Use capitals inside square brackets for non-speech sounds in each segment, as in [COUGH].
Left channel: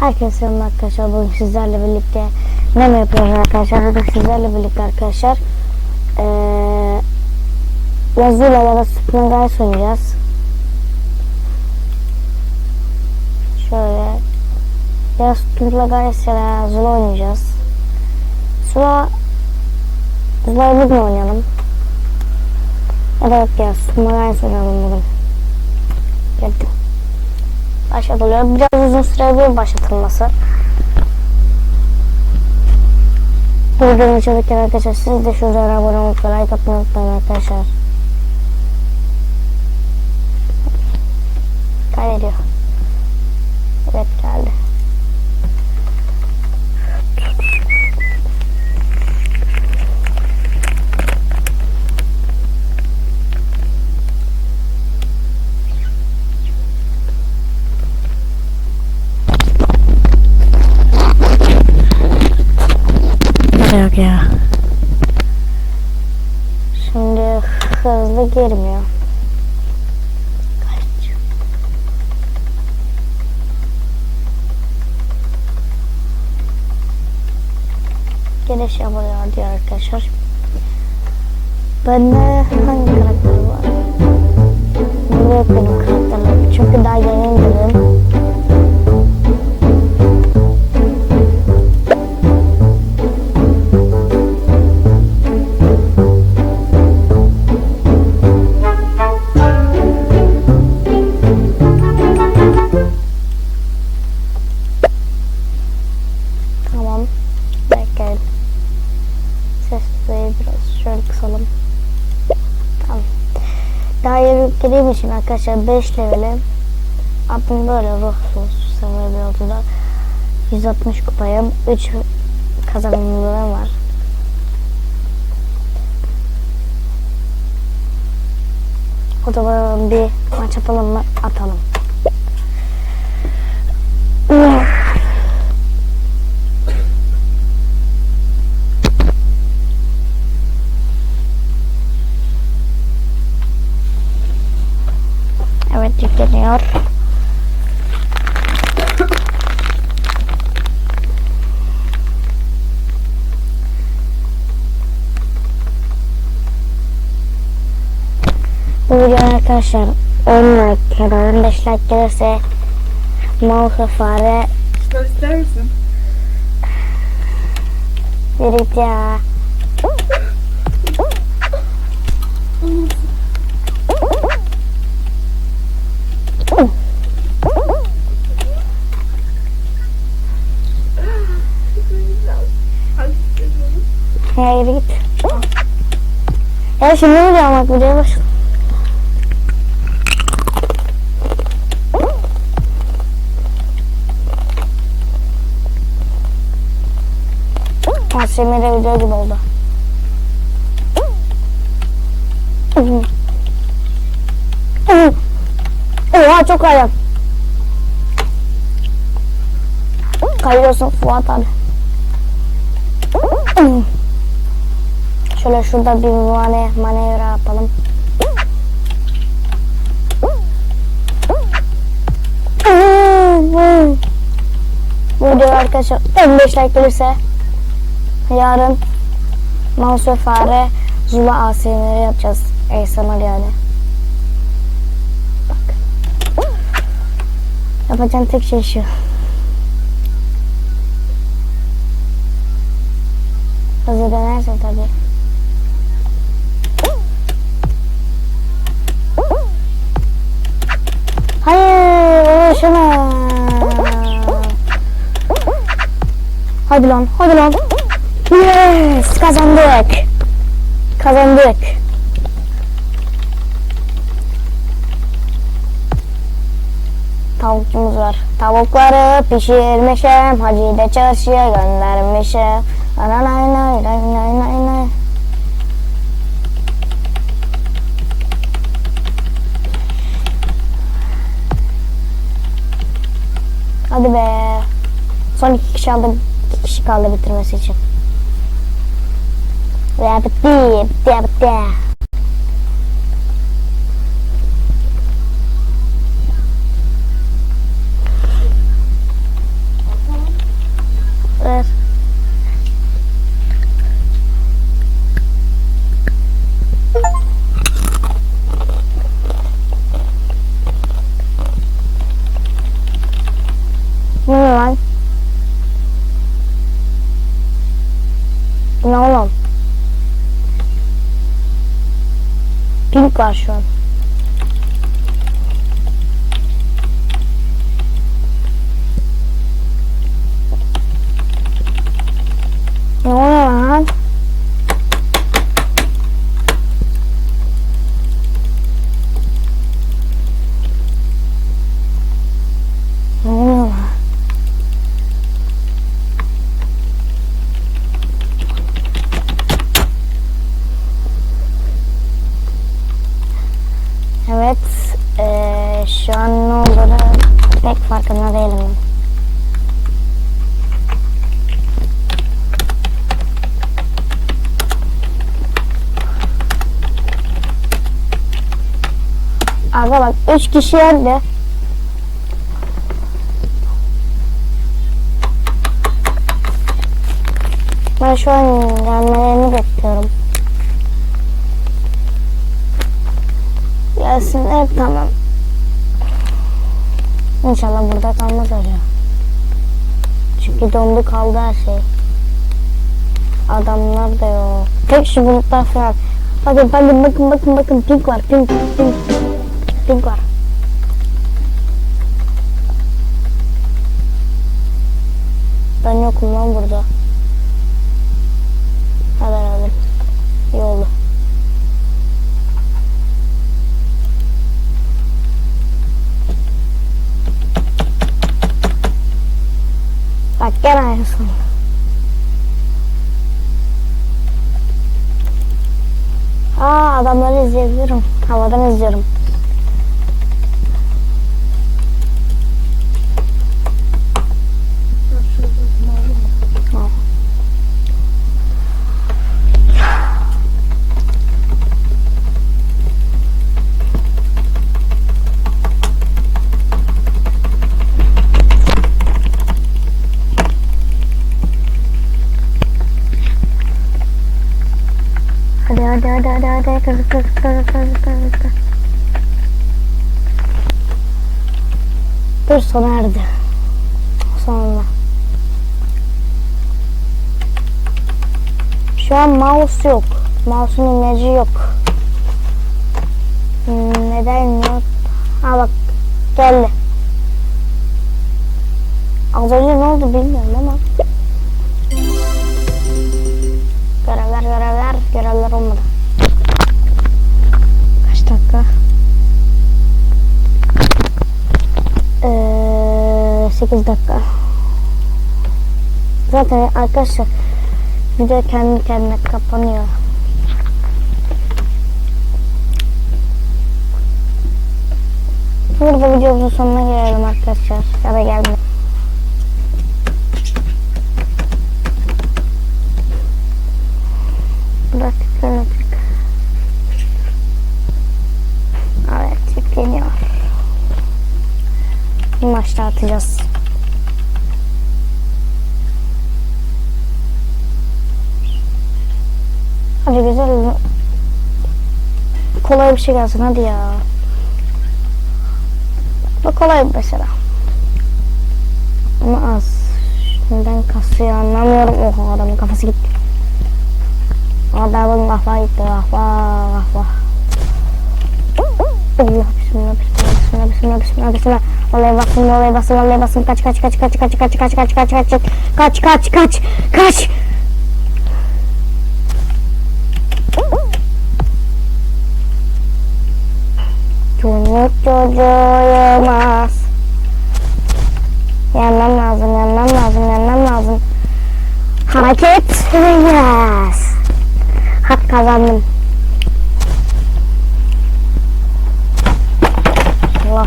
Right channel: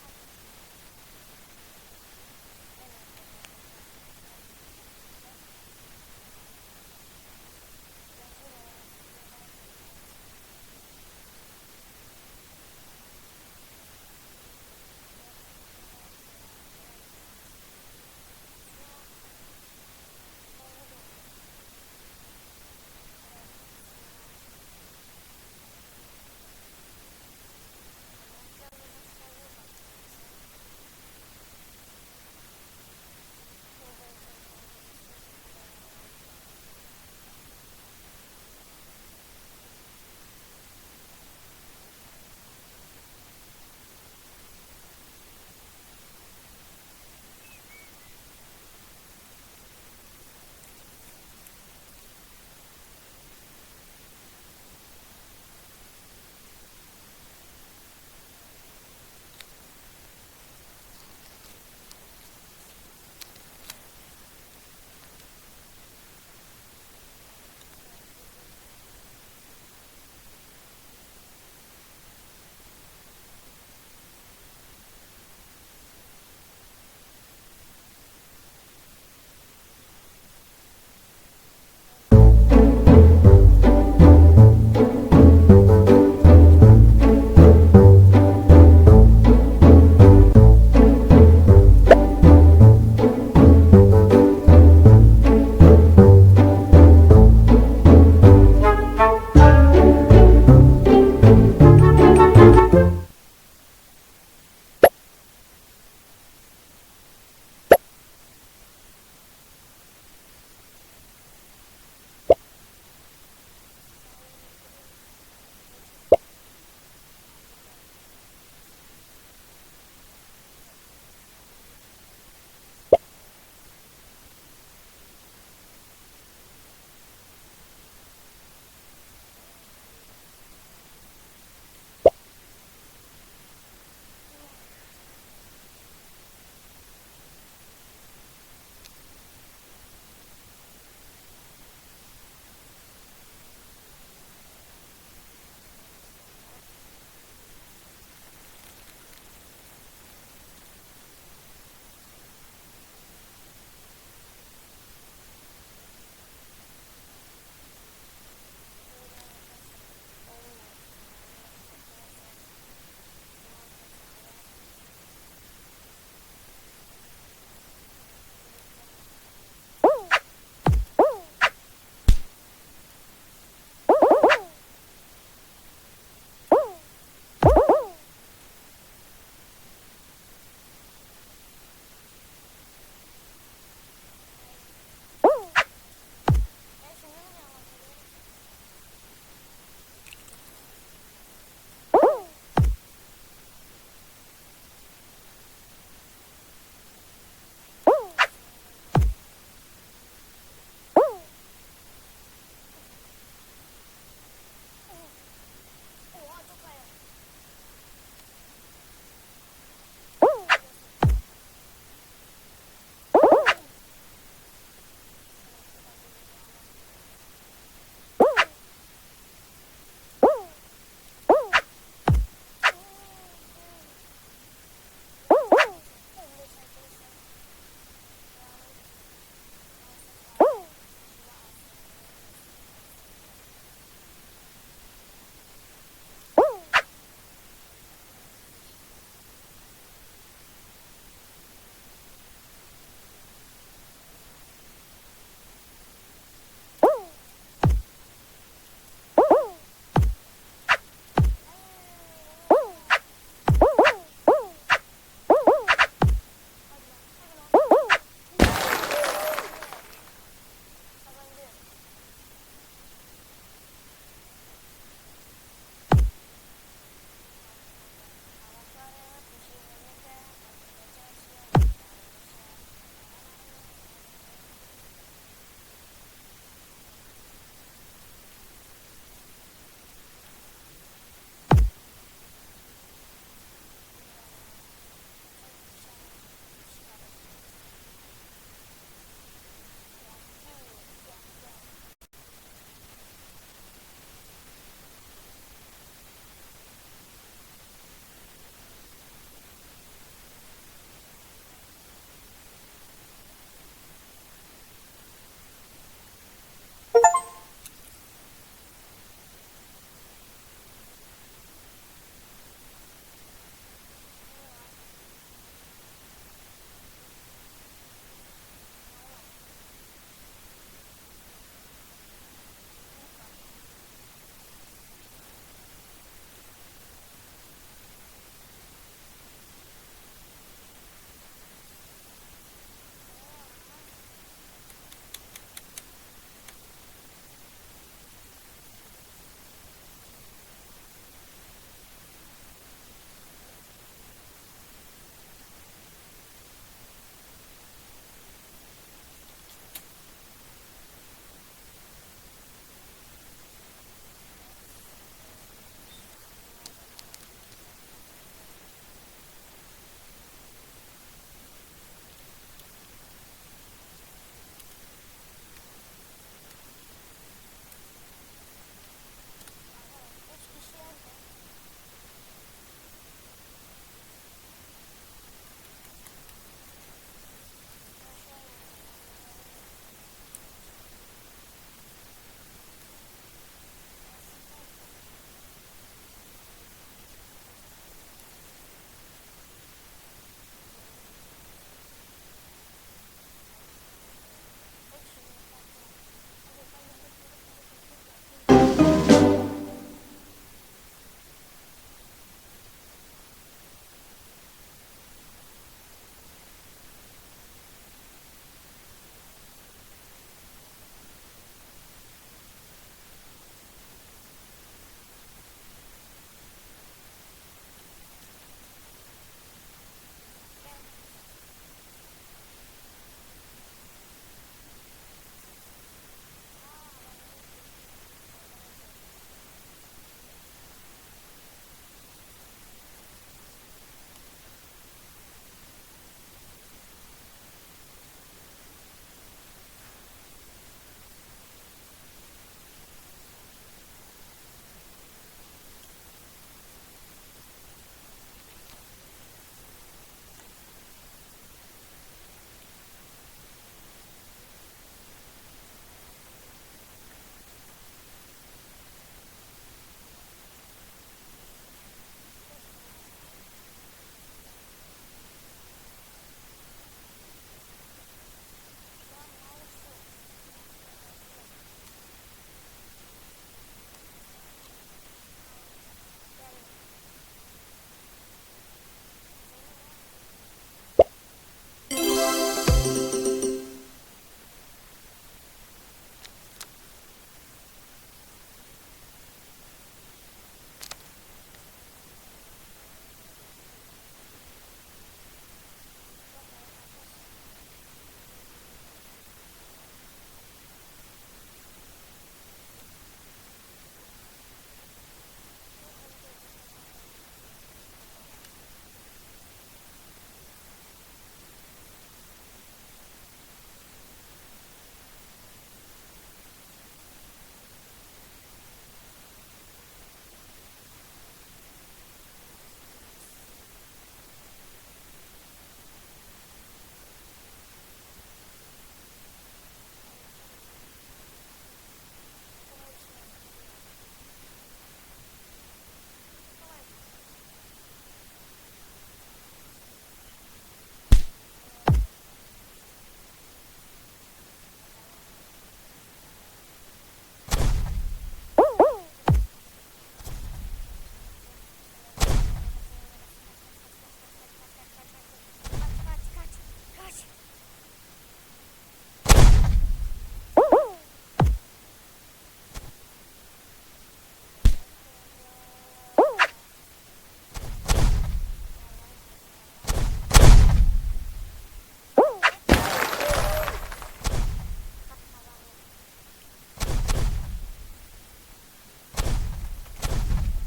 Herkese selam arkadaşlar. Bugün sizlerle birlikte ne mi yapıyoruz arkadaşlar? Bugün sizlerle birlikte arkadaşlar ee, yazıyla ya da Spring Guys oynayacağız. Şöyle ya Spring Guys ya da Zula oynayacağız. Zula Zula'yı bugün oynayalım. Ya da yok ya Spring Guys oynayalım bugün. Geldim başlatılıyor. Biraz uzun sürebilir başlatılması. Videomu çalışırken arkadaşlar siz de şu videoya abone olup like atmayı unutmayın arkadaşlar. Kaydediyor. Evet geldi. Yok ya. Şimdi hızlı girmiyor. Kaç? Giriş yapılıyor diyor arkadaşlar. Ben de hemen Yeni girdiğim için arkadaşlar 5 leveli. Adım böyle ruhsuz. Bir yolda. 160 kupayım. 3 kazanımlığım var. O zaman bir maç yapalım mı? Atalım. Evet yükleniyor. Bu video arkadaşlar 10 like ya da 15 like gelirse mouse fare ister misin? verit ya. Ya yürü git. Ya şimdi mi diyorum bak videoya başla. Asimire video gibi oldu. Oha çok ayak. Kayıyorsun Fuat abi. Şöyle şurada bir mane manevra yapalım. Bu video arkadaşlar 15 like gelirse yarın ve fare Zula ASMR yapacağız. ASMR yani. Bak. Yapacağım tek şey şu. Hızlı dönerse tabii. Hadi lan, hadi lan. Yes, kazandık. Kazandık. Tavukçumuz var. Tavukları pişirmişim. Hacı de çarşıya göndermişim. Nay nay nay nay nay nay nay. Hadi be. Son iki kişi aldım. Kişi kaldı bitirmesi için. Ve bitti. Bitti bitti. lan? Bu Ne oğlum? Pink var şu an. Ne oluyor lan? Ne oluyor lan? Evet, eee, şu an ne olduğunu pek farkında değilim. Aga bak, üç kişi öldü. Ben şu an gelmelerini bekliyorum. Gelsinler tamam. İnşallah burada kalmaz öyle. Çünkü dondu kaldı her şey. Adamlar da yok. Tek şu bulutlar falan. Bakın bakın bakın bakın bakın pink var pink pink pink, var. Ben yokum lan burada. Haber aldım. İyi oldu. Bak gene aynısın. Aa adamları izleyebilirim. Havadan izliyorum. Hadi hadi kız kız kız kız kız. Dur sona erdi. Sonunda. Şu an mouse yok. Mouse'un imajı yok. Hmm, neden yok? Ha bak geldi. Az önce ne oldu bilmiyorum ama. 8 dakika. Zaten arkadaşlar video kendi kendine kapanıyor. Burada videomuzun sonuna gelelim arkadaşlar. Ya da gelme. Bırak yüklenecek. Evet yükleniyor. Bir maçta atacağız. Hadi güzel. Kolay bir şey gelsin hadi ya. Bu kolay mesela. Ama az. Neden kasıyor anlamıyorum. Oha adamın kafası gitti. Adamın kafa gitti. Kafa kafa. Allah bismillah bismillah bismillah bismillah bismillah. Vallahi basın vallahi basın vallahi basın kaç kaç kaç kaç kaç kaç kaç kaç kaç kaç kaç kaç kaç kaç Çocuk çocuğuyamaz. Yenmem lazım, yenmem lazım, yenmem lazım. Hareket biraz. Hak kazandım. Allah.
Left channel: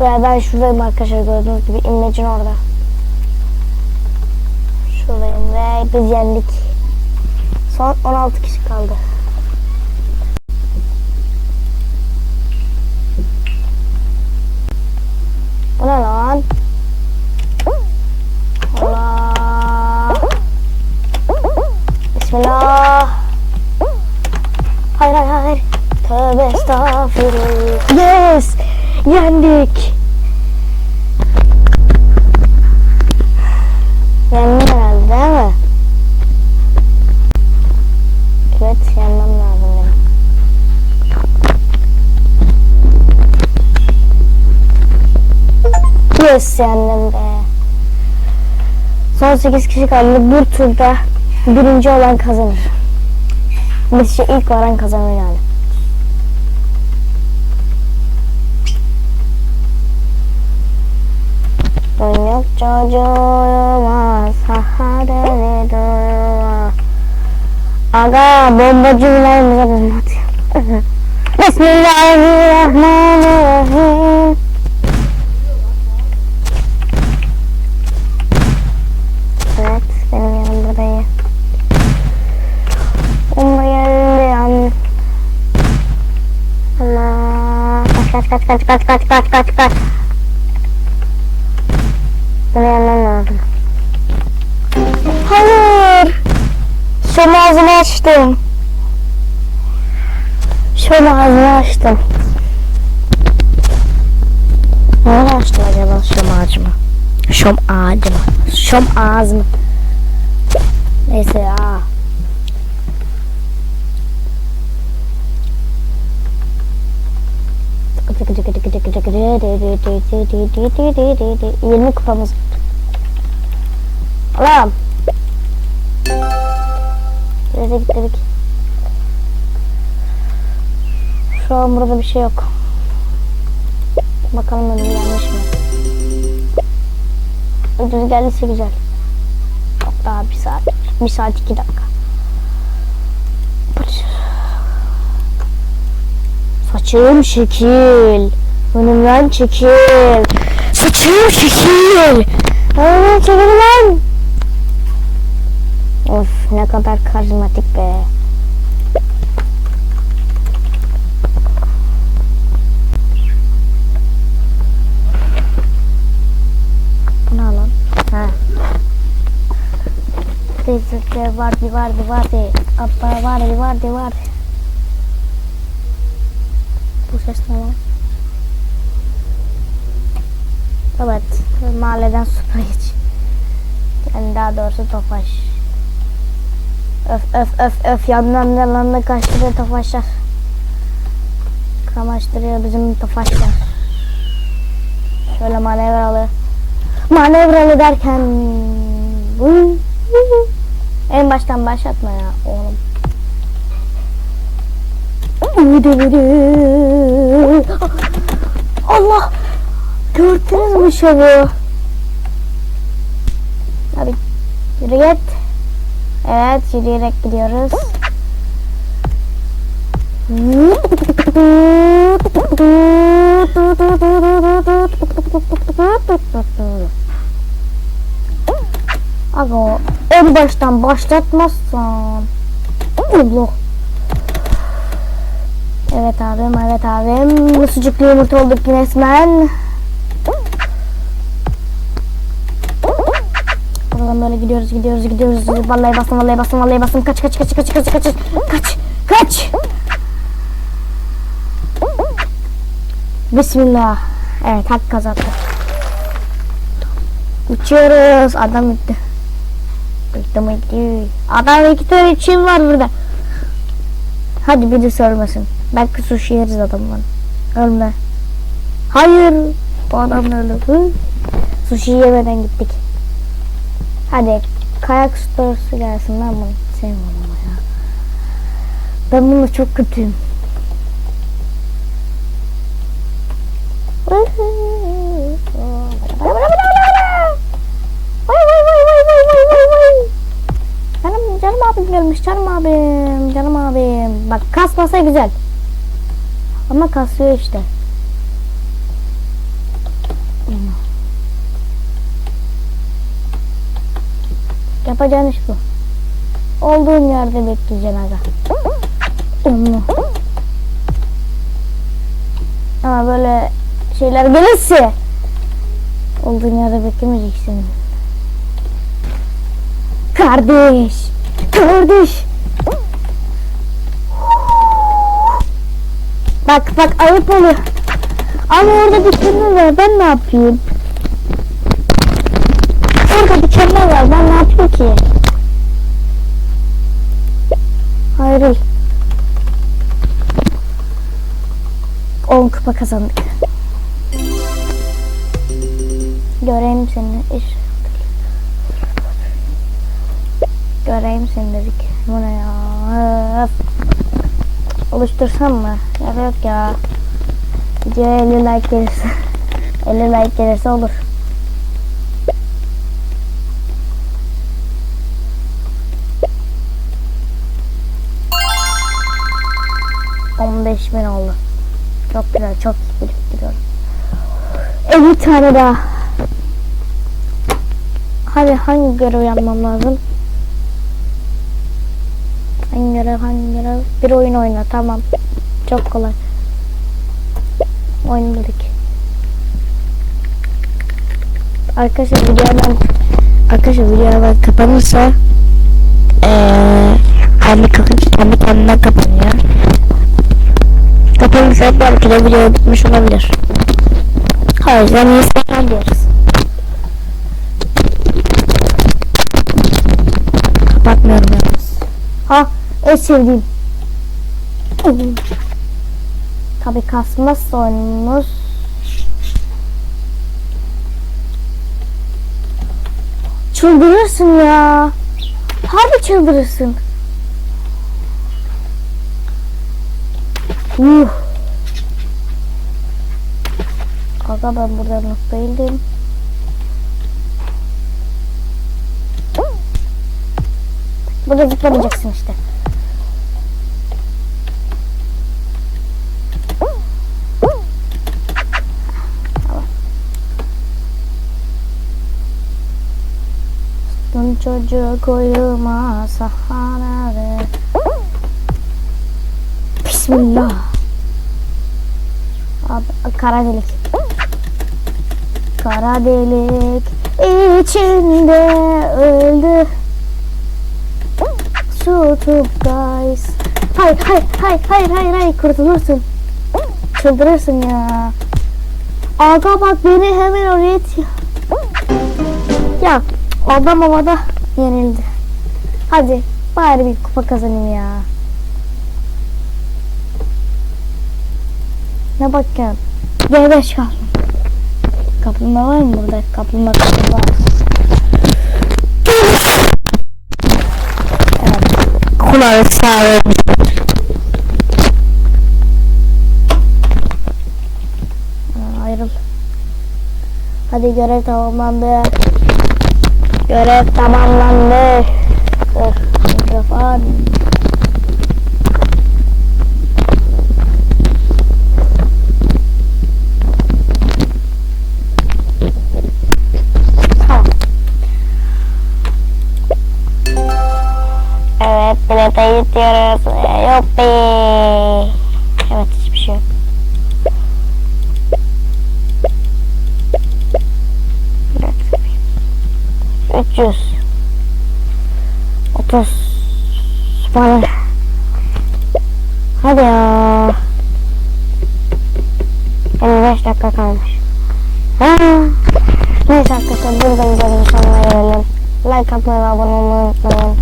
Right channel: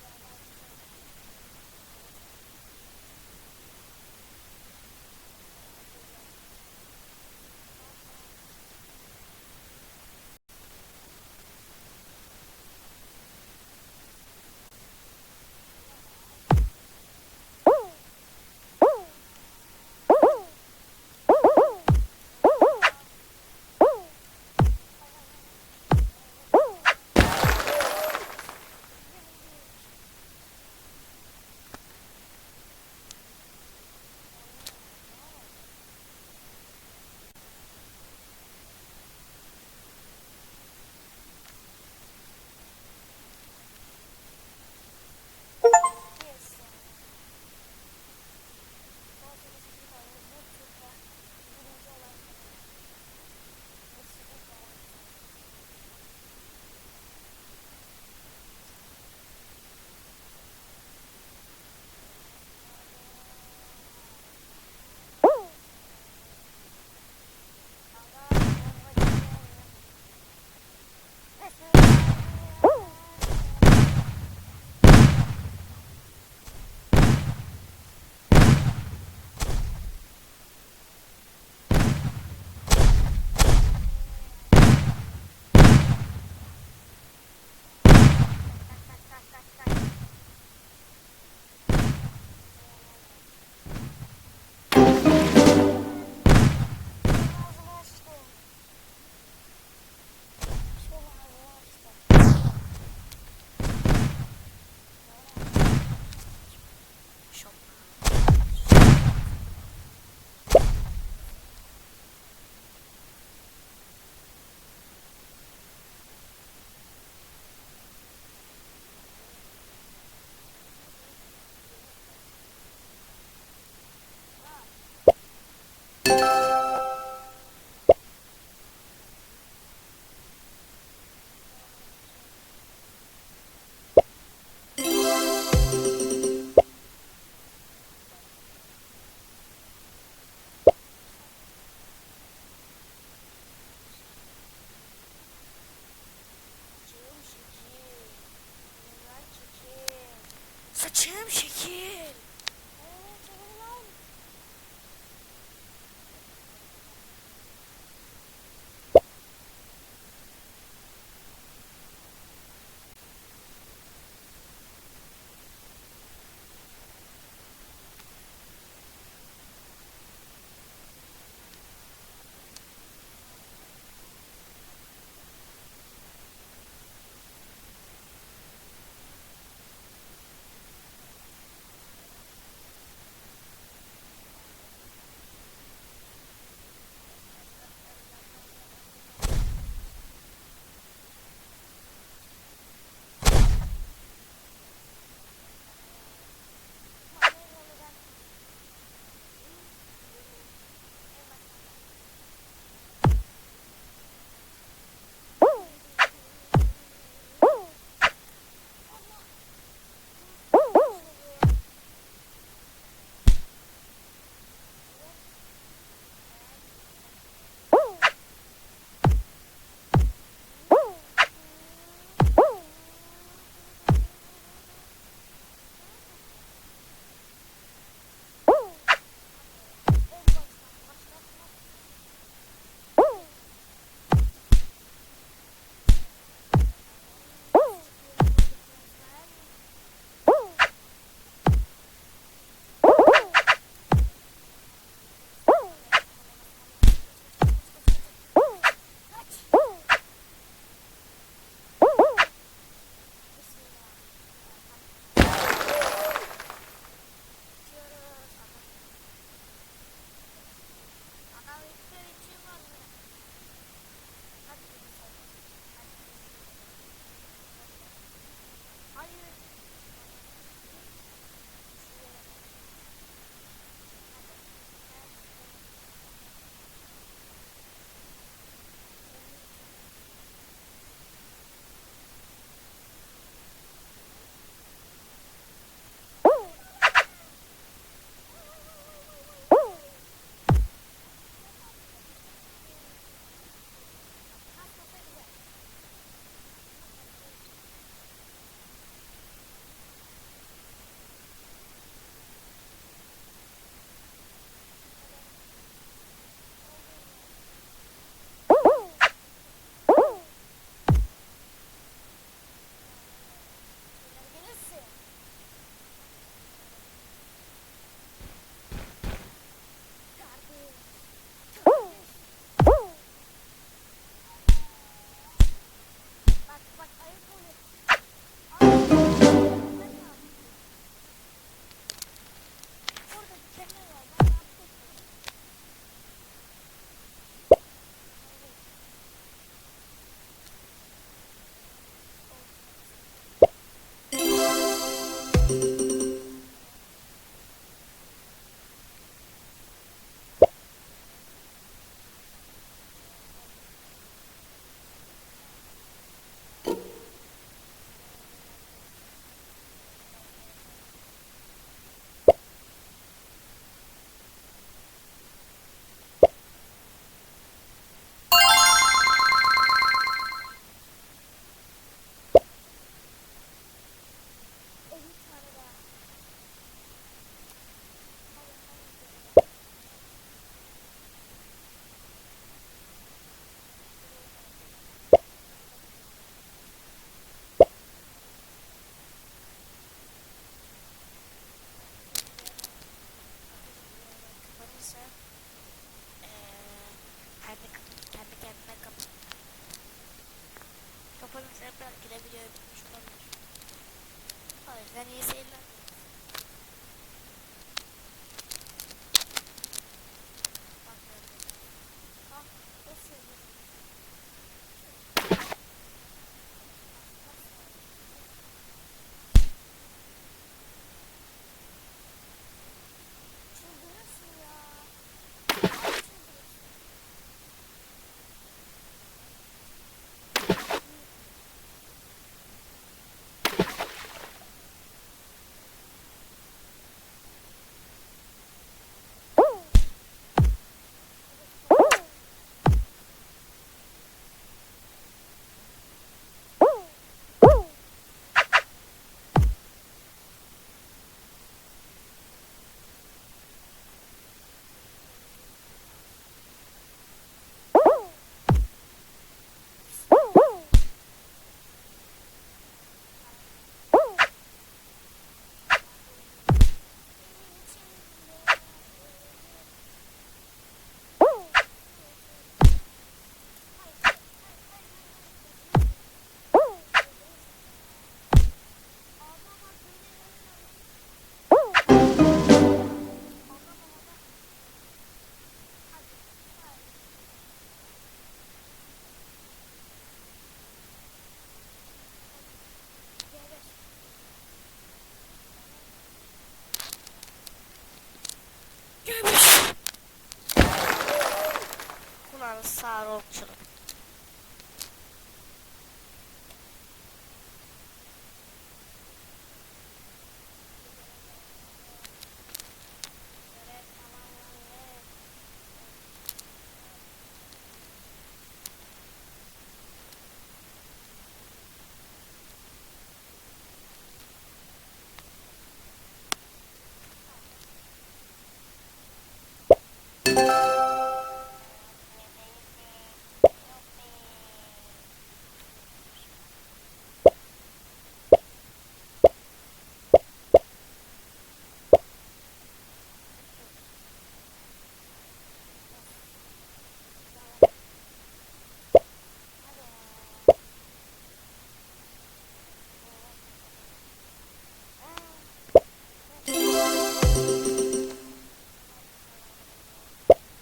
Ve ben şuradayım arkadaşlar gördüğünüz gibi imlecin orada. Şuradayım ve biz yendik. Son 16 kişi kaldı. Bu ne lan? Allah. Bismillah. Hayır hayır hayır. Tövbe estağfurullah. Yes. Yendik. Yendim herhalde değil mi? Evet yenmem lazım benim. Yes yendim. Son 8 kişi kaldı. Bir turda birinci olan kazanır. Bir şey ilk varan kazanır yani. Dönük çocuğuma sahadere dua. Aga bombacılarımıza bomba atıyor. [LAUGHS] Bismillahirrahmanirrahim. Kaç kaç kaç kaç kaç kaç. Bunu yenmem lazım. Hayır. Şom ağzımı açtım. Şom ağzımı açtım. Nereye açtım acaba şom ağacımı? Şom ağacımı. Şom ağzımı. Neyse ya. Yirmi kupamız. Allah'ım. Dedik dedik. Şu an burada bir şey yok. Bakalım önüm yanlış mı? Ödül geldiyse güzel. Yok daha bir saat. Bir saat iki dakika. Saçım şekil. Önümden çekil. Saçım şekil. Önümden çekil lan. Of ne kadar karizmatik be. Ne lan? Ha. Teyze vardı vardı vardı. Abba vardı vardı vardı. Bu ses ne lan? Evet. Mahalleden süpürgeç. [LAUGHS] Yani daha doğrusu tofaş. Öf öf öf öf yandan yandan kaçtırıyor tofaşlar. Kamaştırıyor bizim tofaşlar. Şöyle manevralı. Manevralı derken en baştan başlatma ya oğlum. Allah! Gördünüz mü şovu? Hadi yürü git. Evet yürüyerek gidiyoruz. Aga en baştan başlatmazsan. Allah. Evet abim evet abim. Sucuklu yumurta olduk resmen. Buradan böyle gidiyoruz gidiyoruz gidiyoruz. Vallahi bastım vallahi bastım vallahi bastım. Kaç kaç kaç kaç kaç kaç kaç kaç kaç. Bismillah. Evet hak kazandı. Uçuyoruz. Adam gitti. Mi gitti. Adam iki tane için var burada. Hadi birisi ölmesin. Belki sushi yeriz adamdan. Ölme. Hayır. Bu adam öldü. Sushi yemeden gittik. Hadi kayak storusu gelsin ben bunu sevmiyorum ama ya. Ben bunu çok kötüyüm. Canım canım abim gelmiş canım abim canım abim. Bak kasmasa güzel. Ama kasıyor işte. Yapacağın iş bu. Olduğun yerde bekleyeceksin aga. Ama böyle şeyler gelirse olduğun yerde beklemeyeceksin. Kardeş. Kardeş. Bak bak ayıp oluyor. Ama orada kelime var ben ne yapayım? Orada kelime var ben ne yapayım ki? Hayır. 10 kupa kazandık. Göreyim seni. İş. Göreyim seni dedik. Bu ne ya? Oluştursam mı? Ya yok ya. Videoya 50 like gelirse. [LAUGHS] 50 like gelirse olur. Bin oldu. Çok güzel, çok iyi biriktiriyorum. 50 tane daha. Hadi hangi görev yapmam lazım? Hangi görev, hangi görev? Bir oyun oyna, tamam. Çok kolay. Oyun dedik. Arkadaşlar videodan arkadaşlar videodan kapanırsa eee kendi, kendi kendine kapanıyor. Kapanırsa belki de video bitmiş olabilir. O yüzden iyi seyirler diyoruz. Kapatmıyorum yalnız. Ha en sevdiğim. Tabi kasmazsa oyunumuz. Çıldırırsın ya. Harbi çıldırırsın. Uh. Aga ben burada mutlu değildim. Burada zıplamayacaksın işte. Çocuk uyuma sahanede Bismillah. Abi, Kara delik. Kara delik içinde öldü. Su guys. Hayır hayır hayır hayır hayır hayır kurtulursun. Çıldırırsın ya. Aga bak beni hemen oraya. Ya adam havada yenildi Hadi bari bir kupa kazanayım ya Ne bakıyorsun? G5 kalsın. Kaplumbağa var mı burada? Kaplumbağa kaplumbağa. Kulağı sağ. Ayrıl. Hadi görev tamamlandı. Görev tamamlandı. Of, mikrofon. Tamam. Evet, bilete gidiyoruz. Yuppi. Evet, hiçbir şey yok. Evet. 300 30 Süper. Hadi ya. 55 dakika kalmış. Ha. Neyse arkadaşlar burada videonun sonuna gelelim. Like atmayı ve abone olmayı unutmayın.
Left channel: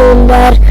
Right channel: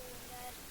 Like